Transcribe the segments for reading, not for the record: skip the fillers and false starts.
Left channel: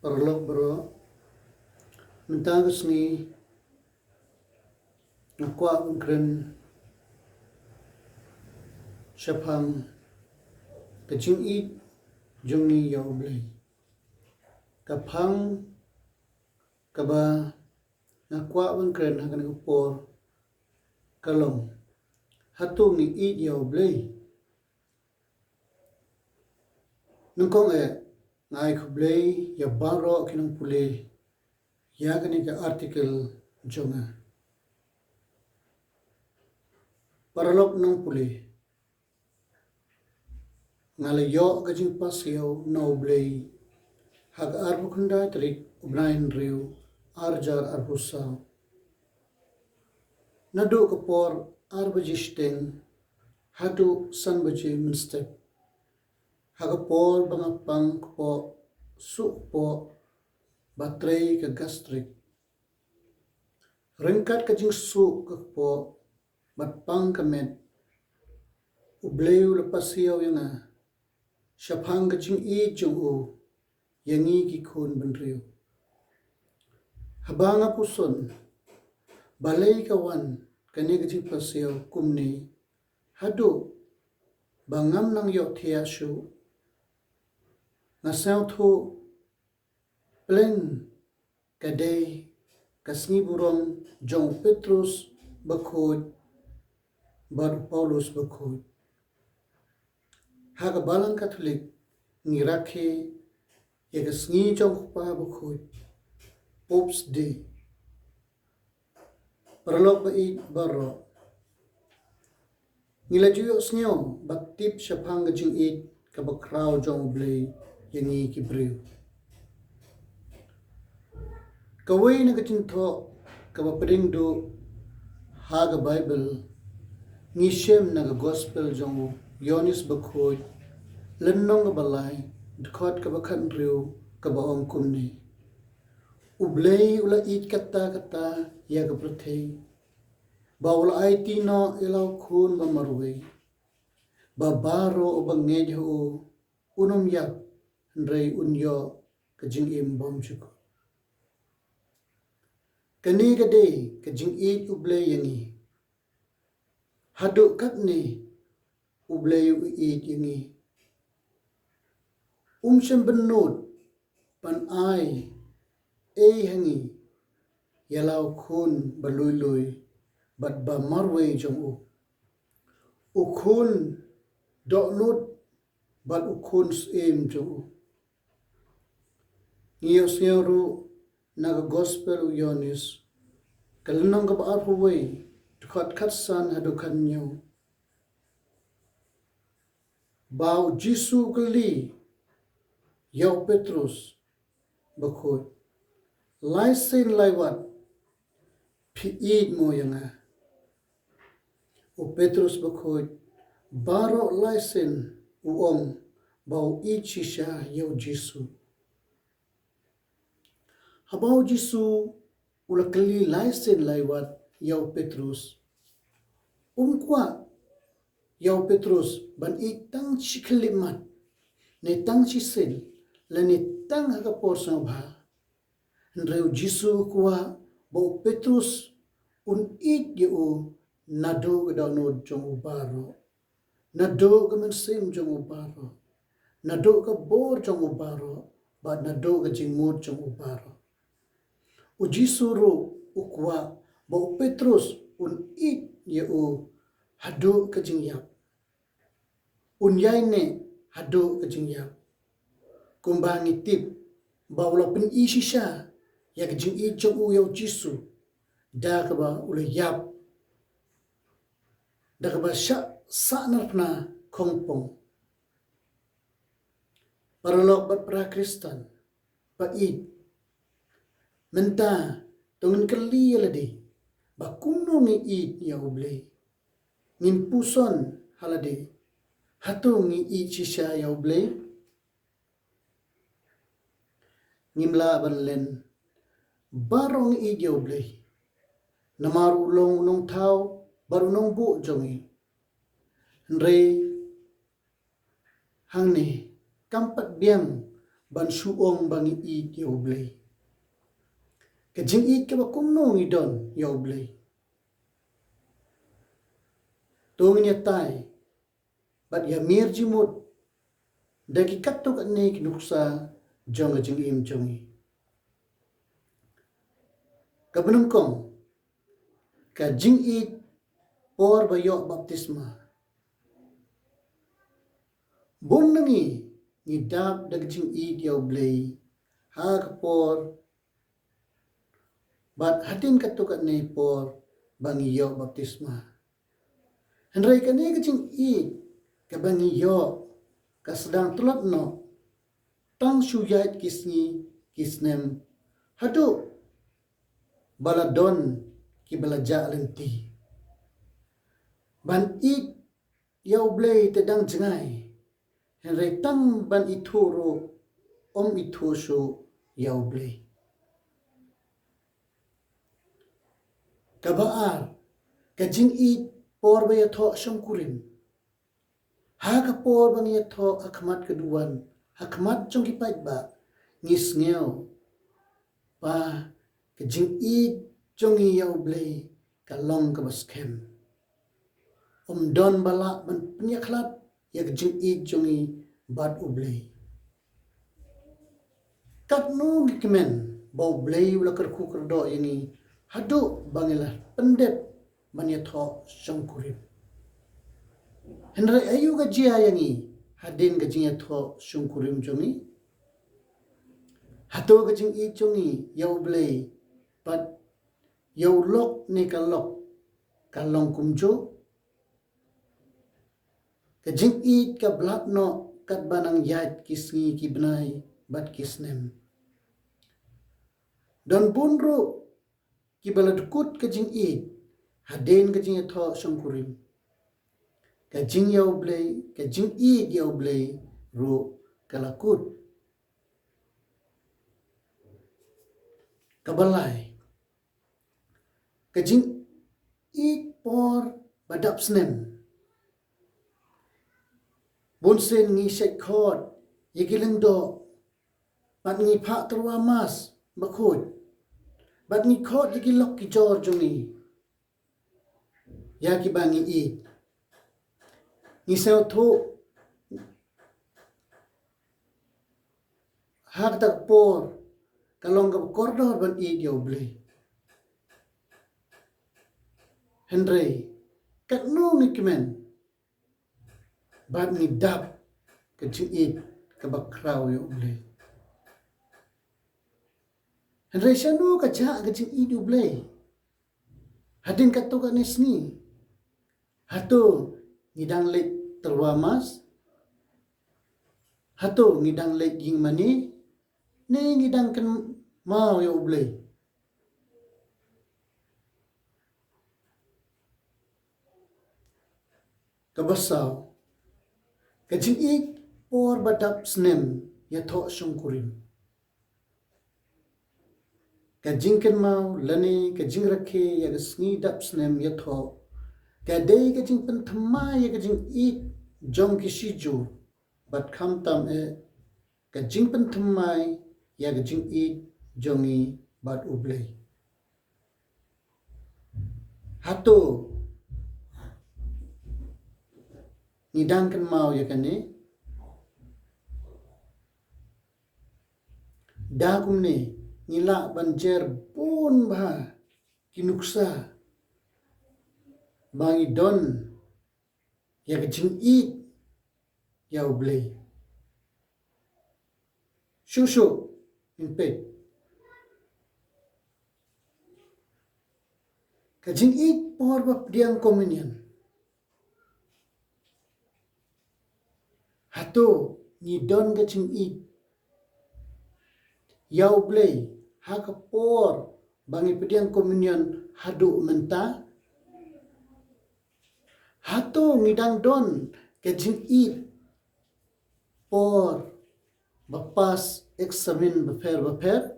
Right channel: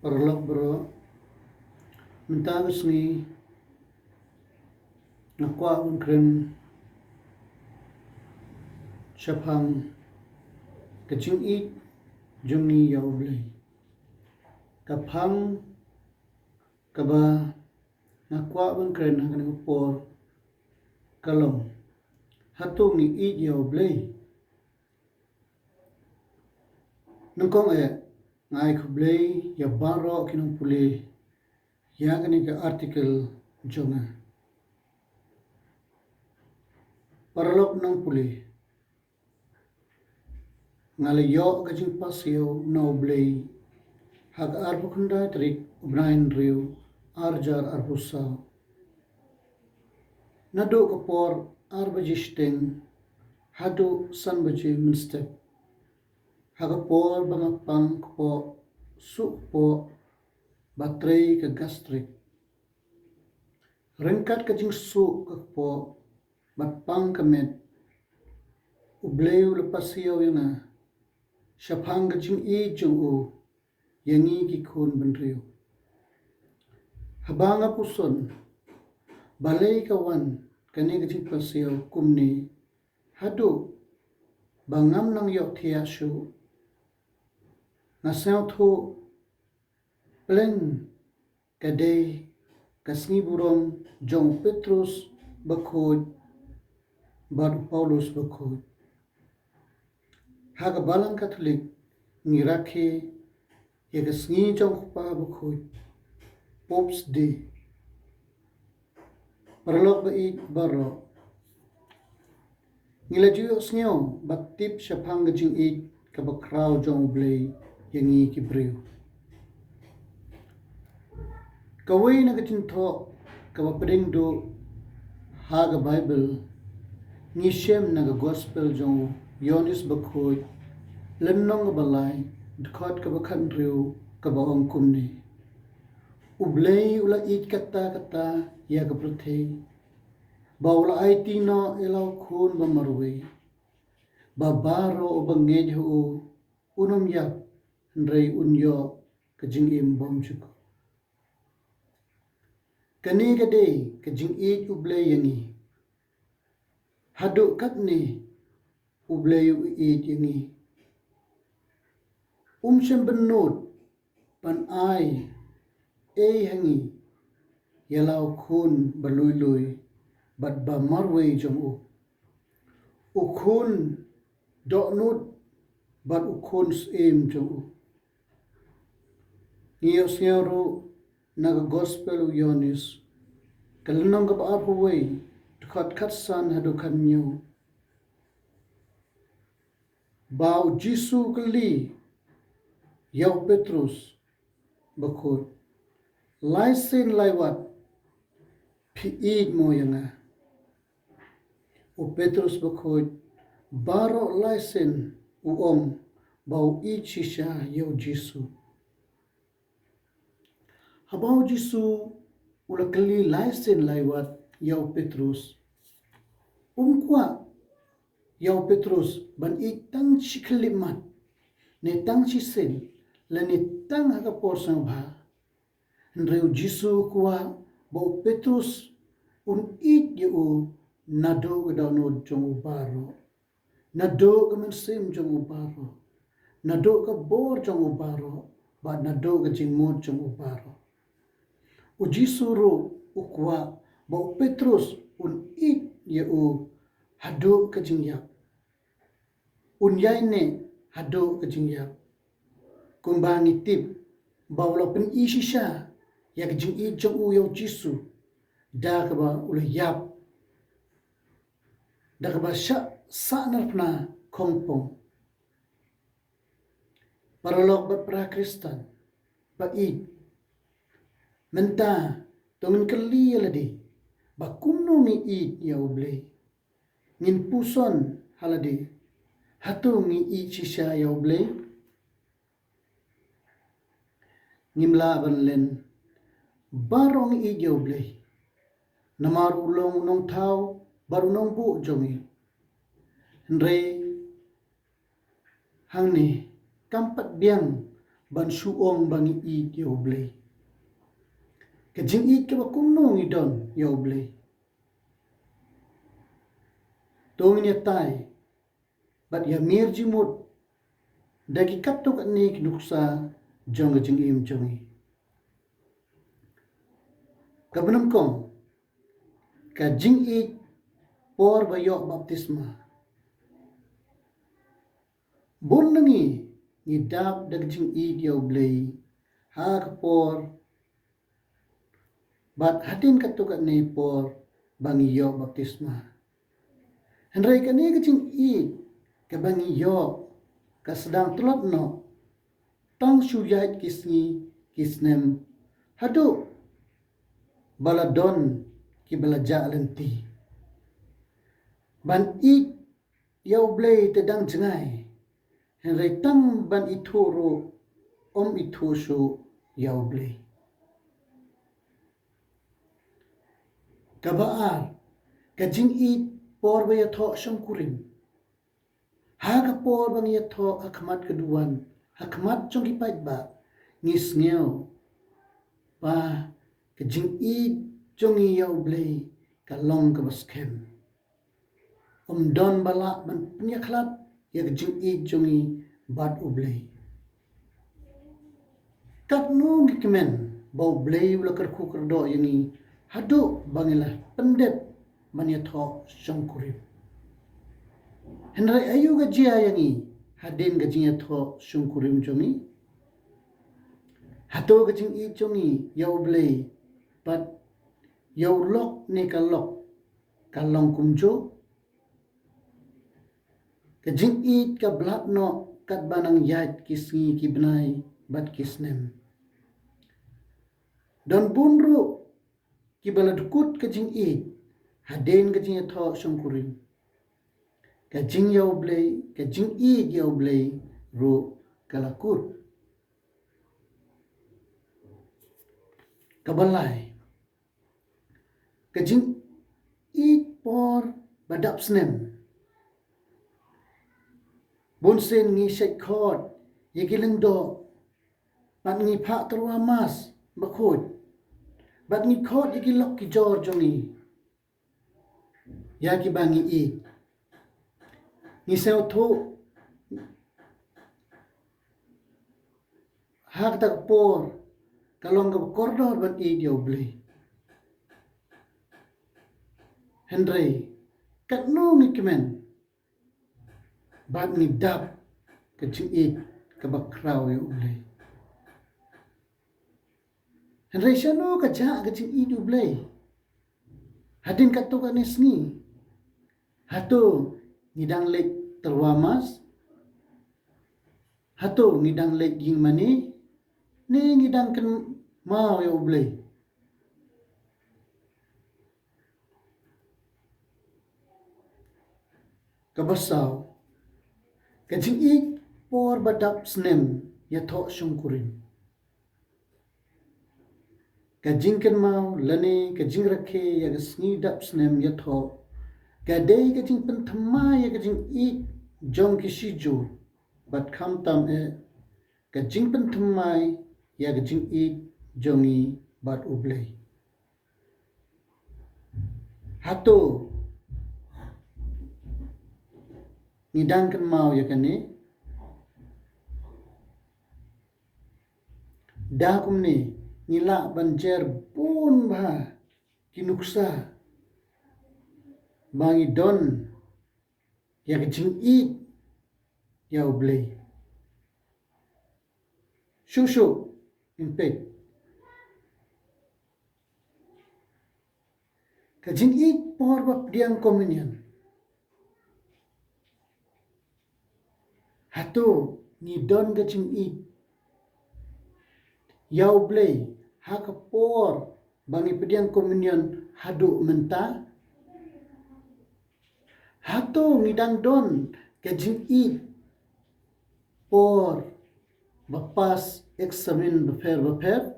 Parlok bro, mentagus ni nakwa kren shapang kaching it jung ni yaw blay kapang kaba nakwa kren hagan kupor kalong hatung ni it yaw blay nungkong ngai kublay ya baro kinong puli ya gani ka article jonga parlok nang puli ngalayo kajing pasyo no blay hag arbukunda trik ubrain riu arjar arbusaw nado kapor arbajisteng hadu sanbaji minstep hagapol bangapang po sukpo baterai ke gastrik rengkat kajing su po batpang kemet ubleu lepasiau yana syapang kajing i jung yangi kikun benriu habanga puson balai kawan kani kajing pasiau kumni hadu bangam nang yok tiasu ngasau thu pleng kadai kasni burong jong Petrus bakhod baru Paulus bakhod haga balang Katolik ngiraki ya kasni jong pa bakhod Pops Day parlok ba i baro ngilajuyok snyo batip syapang gajing i kabakraw jong blay yangi kibriw kaway na kachinto kabapring do haga Bible ngishem naga gospel jong Yonis bakhoy lennong ga balay dkhot kabakan riw kabaong kumni ublay ula it kata ya kaprothe bawla ay tino ilaw khun mamarwe babaro o bangedho unom yak Nrei unyo kajing bom chuko kani gade kajing it ublay yangi hadu kakni ublay it yangi syem benut pan ai hangi yalaw khun baluluy bat ba marwe jong ukhun doknut bat ukhun jong ngiyos ngiyoro naga gospel u Yonis kalanong gab arpuway dukhat katsan hadu kanyo baw Jisu kali yaw Petrus bakhod laisin laiwat piid mo yanga u Petrus bakhod baro laisin uong baw ichisha yaw Jisu habaw Jisu ulakali laisin laiwat yaw Petrus kwa yaw Petrus ban itang chiklimat ne tang chisen la ne tang hakapor sang bha nreu Jisu kwa baw Petrus it yu nado gdano jong baro nado gamansim jong baro nado ka bor jong baro ba nado ga jingmod jong baro u Jisu ro ukwa baw Petrus it yu hado ka jingyak yaine hado ka jingyak kumbangi tip bawlo pen isisha yak jing i jong yaw Jisu da ka ba ula yap da ka ba sa narpna kongpong paralok bat pra Kristan pa i menta tongen kali aladi ba kuno ngi i yaw blay ngin puson haladi hatu ngi i chisha yaw blay ngimla banlen barong i yaw blay namarulong nong tao barunong bu jongi nrei hangni kampat biang ban suong bangi it ya oblay. Kajing it ka ba kumno ngidon ya oblay. Tung niya tay, bat ya mir jimut, dagi katok ane kinuksa jong kajing im jongi. Kabanam kong, kajing it por bayok baptisma. Bun nangi, ngidap dagjing it ya oblay, ha kapor, bat hadin katok ane por bangi yok baptisma. Henry kani kajing it, kabangi yok, kasedang tulap no, tang suyait kisni kisnem, hadu baladon ki balaja alenti. Ban it ya oblay tedang jengai, Henry tang ban ituro itu su ya oblay. Kabaar, kajing it por ba yato siyang kurim. Haga por bang yato akmat keduan, akmat chong kipait ba, ngis ngaw, pa kajing it chong ya oblay, kalong kabaskem. Don bala man penyaklat, ya kajing it chong bad oblay. Kat no ngikemen, ba oblay wala kerku kerdo yang hadu bangilah pendet man yato siyang kurim. Henry ayu gajia yangi hadin gajing yato siyang kurim jongi. Hato gajing i jongi yaw blay pat yaw lok ni kalok kalong kumjo. Gajing i ka blat no kat banang yait kisngi kibnay bat kisnem. Don bunro kibaladukut gajing i hadin gajing yato siyang kurim. Kajing yaw blay, kajing i yaw blay, ro kalakut. Kabalay. Kajing i por badap snem. Bunsen ngi sekhot, yagilang do, pat ngi pak terwamas, bakut. Bat ngi khot yagilok ki jor jongi. Yagi bangi i. Ngisaw to hak tak por kalong ka koridor ban i dia oblay. Henry kat no ngikemen bat ngidap kajing i ka bakraw ya oblay. Henry siya no kajak kajing i dia oblay. Hadin kato kanis ni. Hato ngidang lek terwamas, hato ngidang lek ging mani, ni ngidang ken mau ya oblay. Kabasaw, kajing i por badap snem ya thok siyang kurim. Kajing ken mau lani kajing rakhe ya gasngi dap snem ya thok. Kadai kajing pentama ya kajing i jong kisiju bat kam tam kajing pentama ya kajing i jongi bat oblay. Hato ngidang kan mau ya kane dakum ni ngila banjer pun bah kinuksa bangi don ya kajing i ya oblay. Shushu impet. Kajing i por bap diang komunion. Hato ni don kajing i ya oblay hakapor bangi pediang komunion hadu mentah. Hato ngidang don kajing i por bapas eksamen beper.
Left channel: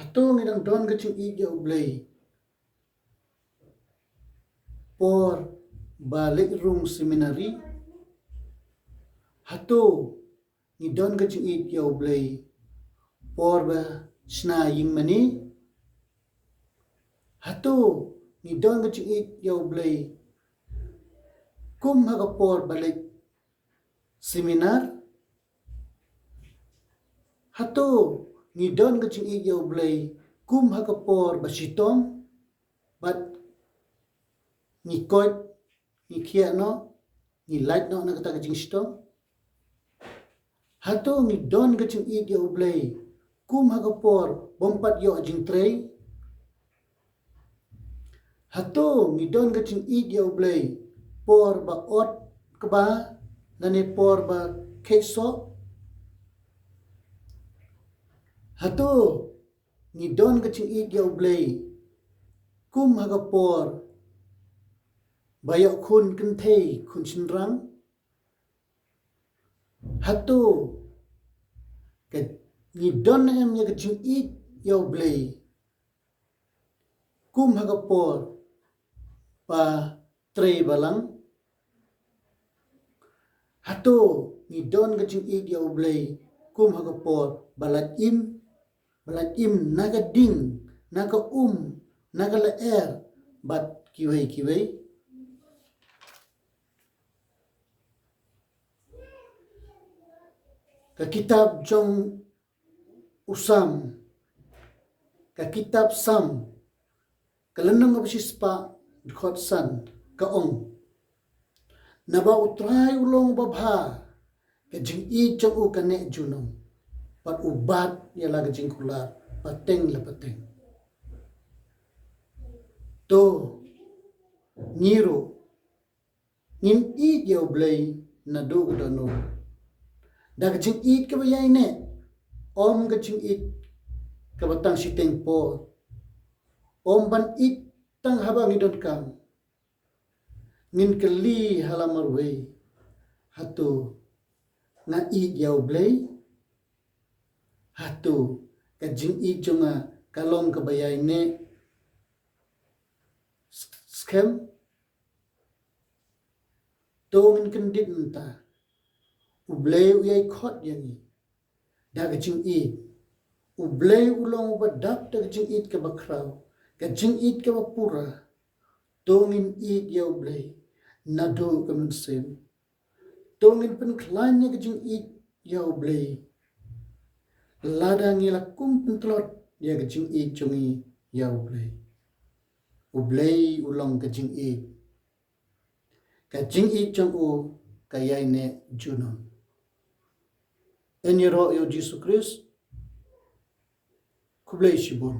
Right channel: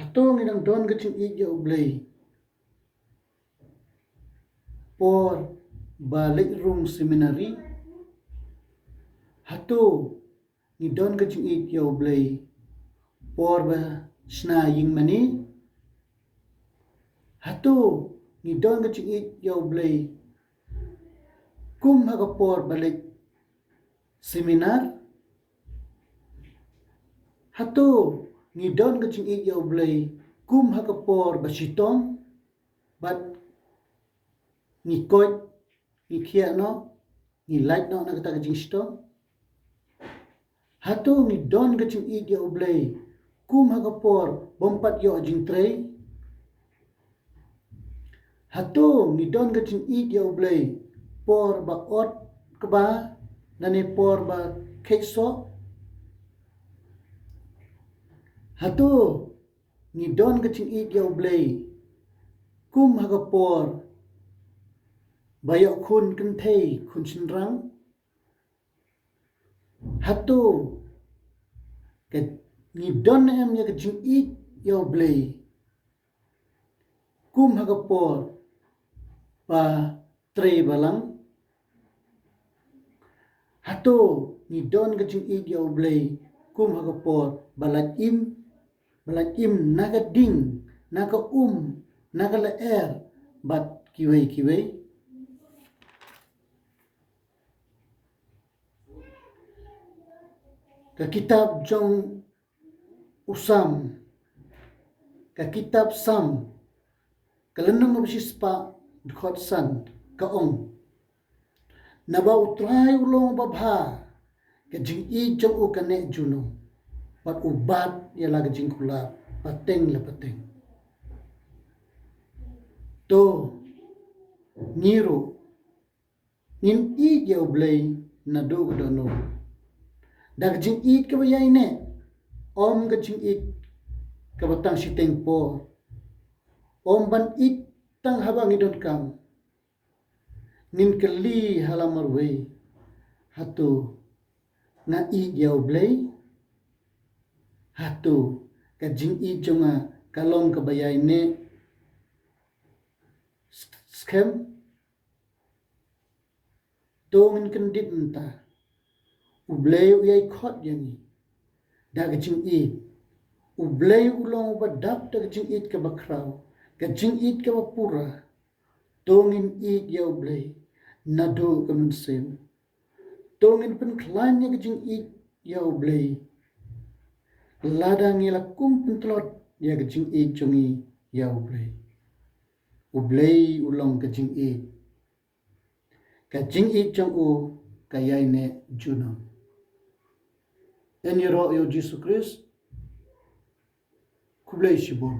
Hato ngidang don kajing i ya oblay por balik room seminary. Hatu ni don ka jing it yaw blay por ba sna ying mani. Hatu ni don ka jing it yaw blay kum haga por balik seminar. Hatu ni don ka jing it yaw blay kum haga por ba sitong bat ni koit ni kia no ni light no na kata ka jing sitong. Hatu ni don ka jing it yaw blay kum haga por bompat yo jing tray. Hatu ni don ka jing it yaw blay por ba ot ka ba nane por ba kekso. Hatu ni don ka jing it yaw blay kum haga por bayo kun kentay kun sinrang. Hatu ke ni don em ya ka jing it yaw blay kum haga por pa tray balang. Hatu ni don ka jing it yaw blay kum haga por balat im naga ding naga naga leer bat kiway. Ka kitab jong usam ka kitab sam kalanang mabsispa dkhot san kaong naba utray ulong babha ka jing I jong u kane juno pat ubat yala ka jing kula pateng la pateng to ngiro nin I yaw blay na do gdano da ka jing it ka bayay ne om ka jing it ka batang siteng por om ban it tang habang idot kam nin kali halamar way. Hatu na it yaw blay hatu ka jing it jonga kalong ka bayay ne scam tongin kendit nta ublay uyay khot yangi da ka jing it ublay ulong ba dap da ka jing it ka bakraw ka jing it ka bapura tongin it yaw blay nado ka mansem tongin pen klan ya ka jing it yaw blay ladang ila kum pentlot ya ka jing it jongi yaw blay ublay ulong ka jing it jong u kayay ne juno. Eniro yo Jesus Christ kublay shibon.